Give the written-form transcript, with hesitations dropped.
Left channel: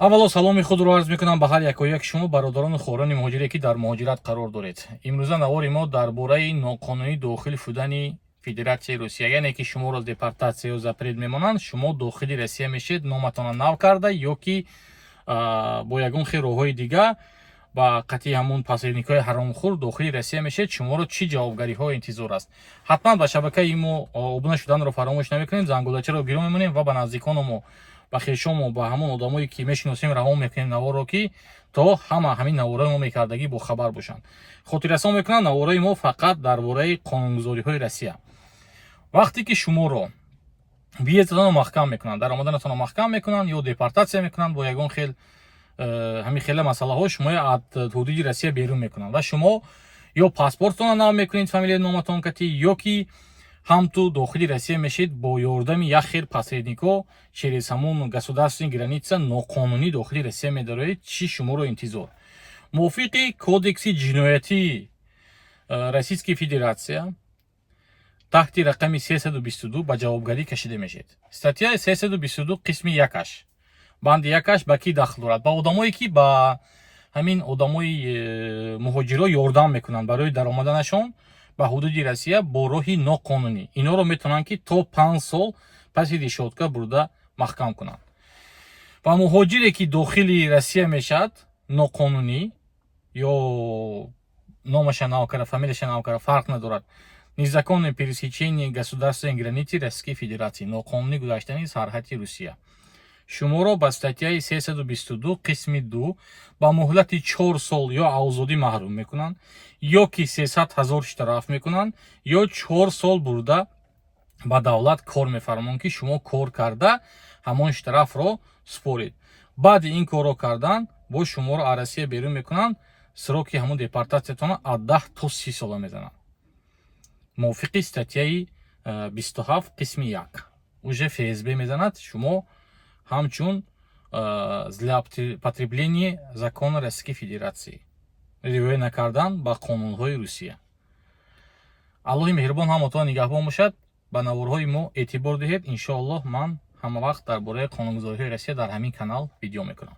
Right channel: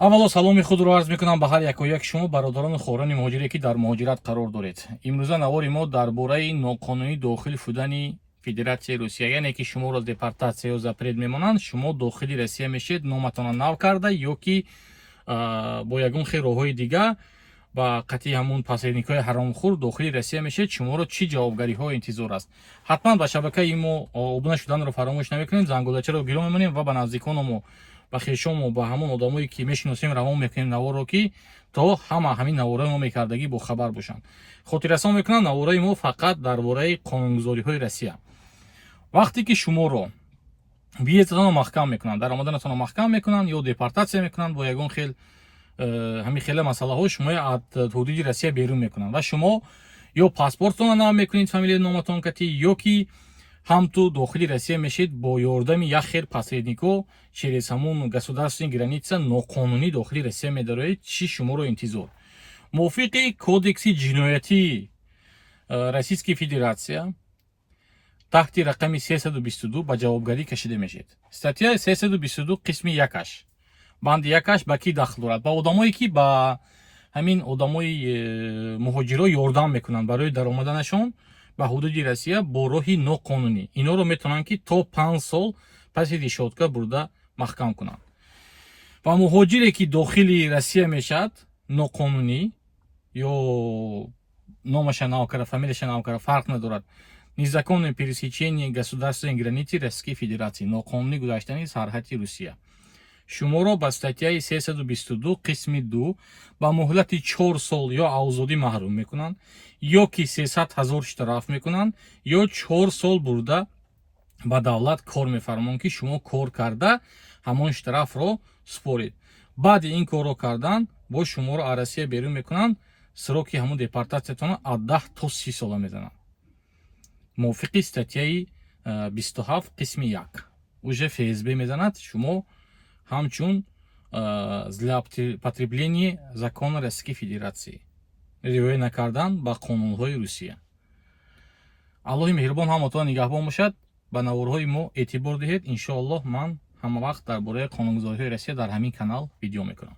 аввало саломи худро арз мекунам ба ҳар якояк шумо бародарону хорони муҳоҷире ки дар муҳоҷират қарор доред. Имрӯза навори мо дар бораи ноқонунӣ дохил шудани Федератсияи Русия, яъне ки шуморо депортатсия ё запрет мемонанд, шумо дохили Россия мешед, номатонро нав карда ё ки бо ягон хел роҳҳои дигар ба қатъи ҳамон посредникҳои ҳаромхӯр дохили Россия мешед, шуморо чӣ ҷавобгариҳо интизор аст? ҳатман ба шабакаи мо обуна шуданро фаромӯш намекунем, зангулачаро гирё мемонем ва ба наздикону мо, ба хешому, ба ҳамон одамое ки мешиносем равон мекунем наворро, ки то ҳама ҳамин навораи мо мекардагӣ бохабар бошанд. Хотиррасон мекунам навораи мо фақат дар бораи қонунгузориҳои Россия. вақте ки шуморо биетатонро маҳкам мекунанд, даромаданатонро маҳкам мекунанд ё депортатсия мекунанд бо ягон хел ҳамин хела масъалаҳо, шумо аз ҳудуди Россия берун мекунанд ва шумо ё паспортатонро нав мекунед, фамилияи номатон кати, ё ки ҳам ту дохили Россия мешед бо ёрдами як хел посредникҳо через ҳамон государственни граница ноқонунӣ дохили Россия медароед. Чӣ шуморо интизор? мувофиқи кодекси ҷиноятии Российской Федератсия таҳти рақами 322 ба ҷавобгарӣ кашида мешед. Статьяи 322 қисми 1 банди 1 ба кӣ дахл дорад? Ба одамое ки ба ҳамин одамои муҳоҷиро ёрдам мекунанд барои даромаданашон ба ҳудуди Россия бо роҳи ноқонунӣ. Инҳоро метавонанд ки то 5 сол паси решотка бурда маҳкам кунанд. ва муҳоҷире ки дохили Россия мешавад ноқонунӣ ё номаша нав карда, фамилияша нав карда, фарқ надорад, незаконное пересечение государственной границы Российской Федерации, ноқонунӣ гузаштани сарҳади Русия. шуморо ба статьяи 322 қисми 2 ба муҳлати 4 сол ё озодӣ маҳрум мекунанд, ё ки 300 000 штраф мекунанд, ё 4 сол бурда ба давлат кор мефармонд ки шумо кор карда ҳамон штрафро според. баъди ин корро кардан бо шуморо аз Россия берун мекунанд, сроки ҳамон депортатсиятонро аз 10 то 30 сола мезананд. мувофиқи статьяи 27 қисми 1 уже ФСБ мезанад, шумо ҳамчун злоупотребление закона Российской Федерации, риоя накардан ба қонунҳои Русия. аллоҳи меҳрубон ҳамотон нигаҳбон бошад. ба наворҳои мо эътибор диҳед. иншоаллоҳ ман ҳама вақт дар бораи қонунгузориҳои Россия дар ҳамин канал видео мекунам.